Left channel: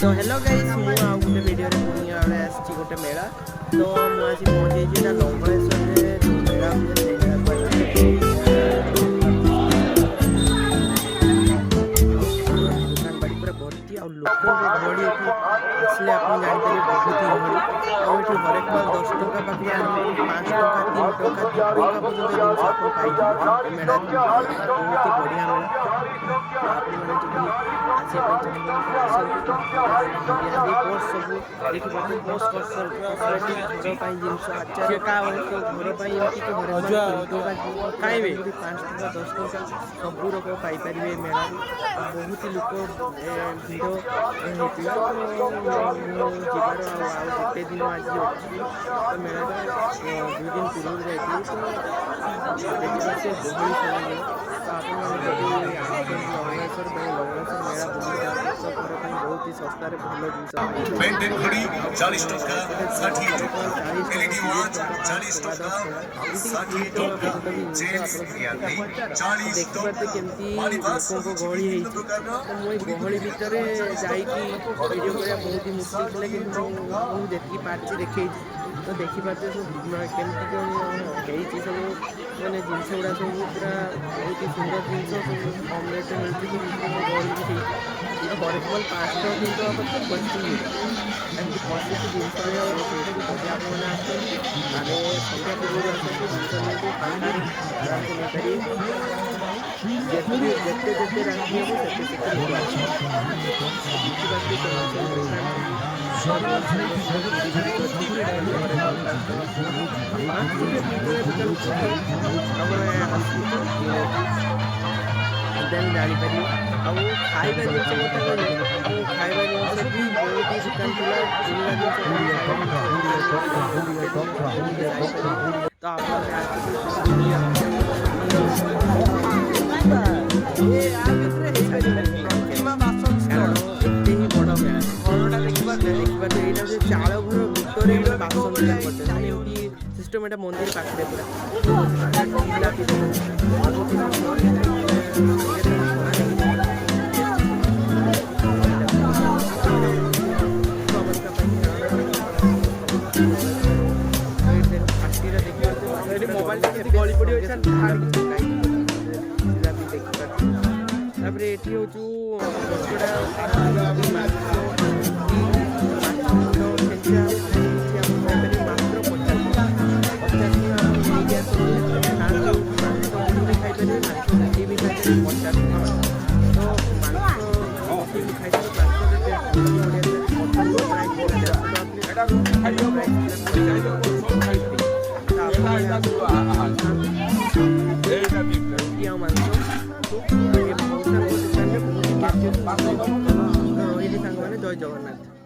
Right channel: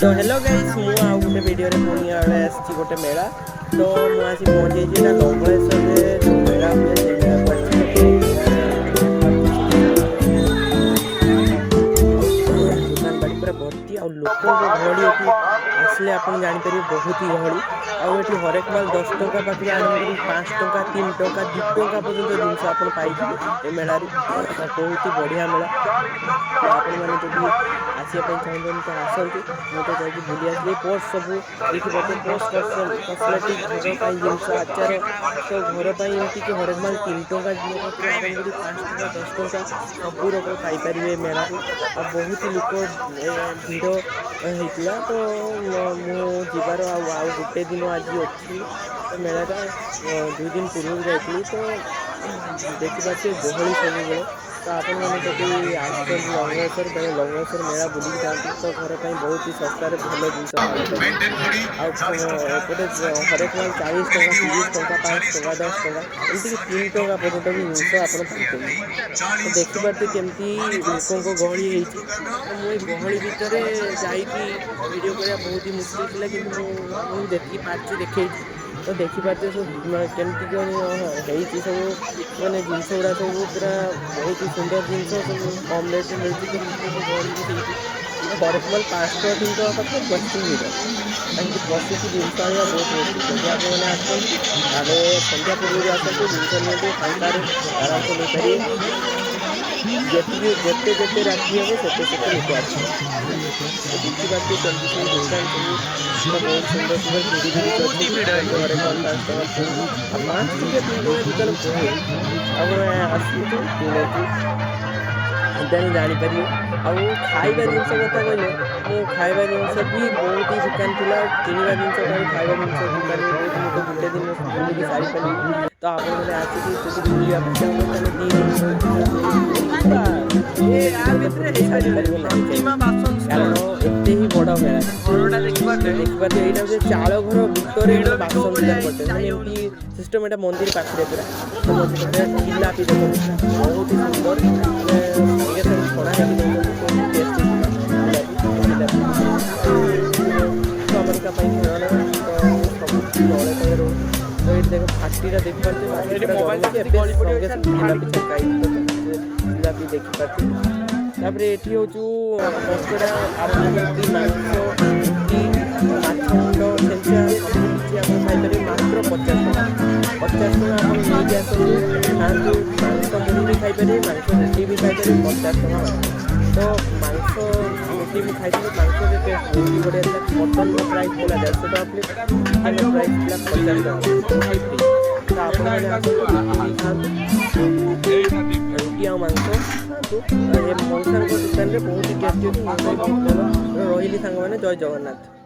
तो hello guys मु आ गोटे वीडियो रे पुणी आले आसी गोटे मेला तो मु आसी पहुंचे जेटा लंगळेश्वर रे जो मेला हुए से दुकान बाड़ी पूरा भर्ती आ लोक गहड़ी एठी आसले आपन जानि पारे बहुत ही गहड़ी आ एठी हरेक माल 10 टका पाखु आरंभ करी 5 टका 3 टका 2 टका पर्यंत जिनस आपन पाइबे ए मेला रे बहुत ही बढ़िया मेला तो आपण माने जदि आसिया पई चाहबन तो आसंतु मते जाई बुलिया जे पोस्ट सब एठी बटे पोस्ट कॉस्मेटिक घर पई जिनस आचार तो घर पई एमती कि हरेक माल 3 टका पाइबे 5 टका 10 टका सब रक पाई परिबे मेला रे आ बहुत ही लोक भीड़ हेतला तो मु जीवार आ गोटे दिन आज अछि तो मेलाटा 2 दिन पूर्व जाइली तो देखि पाछे गहली सब बेले तो आपण मैंने जब आसुन लंगळेश्वर बेले लंगळेश्वर मेला बुली जाते तो घर पर बहुत ही सस्तार भल जिनस एपटे हरेक माल 40 टका 30 टका 5 टका 10 टका एमती 3 टका पर्यंत भी जिनस आप देखिपारे केमती लोक गहली होती तो मुझे गहली भितर जाकि वीडियो करने बहुत ही मुश्किल था कि देखी पार्टी देखे तो देखिपारे सब केमती कौन सब माने जिनस गुड़ा सब पूरा बहुत ही सुंदर जिनस सब कम रेट मिलती तो लोक गहली भी थी हरेक माल 5 टका 3 टका पाखे बसी भिड़ कहीं बसिक जिनस आने बहुत मुश्किल जब आप मैंने आसते संध्या पूर्व आसतु जिनस नहीं फांकार आराम से नहीं पारे जिते राति हम से लोक आस देखिपारे सब दुकान सब बहुत सुंदर सुंदर हरेक माल 5 टका 5 रुपया 3 रुपया दुकान आसने देन जापर आउ खाइबा जिनस कथा कहले खाइबा जिनस भी बहुत ही दुकान थी किणवा जिनस खाइबा जिनस गोटे दिन बुलिक सारी पारि तो आप कारण एत ही बड़ मेला देखिए यहाँ चाल घर भितर बासन करते सिस्टम एटा मंदिर पाखे पूरा जिलापी देख बहुत ही सुंदर फाटीटा देखिपारे ये हूँ मात्र 50 टका आप नहीं आसतु मांस मुड़ी खाईपारे मांस मुठी भी खाईपारे 50 टका तो मांस मुठी भी खाई मांस बढ़िया मटन प्राइस था 150 टका प्लेट चिकेन प्राइस था 50 टका तो आप रुटी आ मांस खातु मौसा दुकान में बहुत ही टेस्टी रही सांग मैंने जय जगन्नाथ।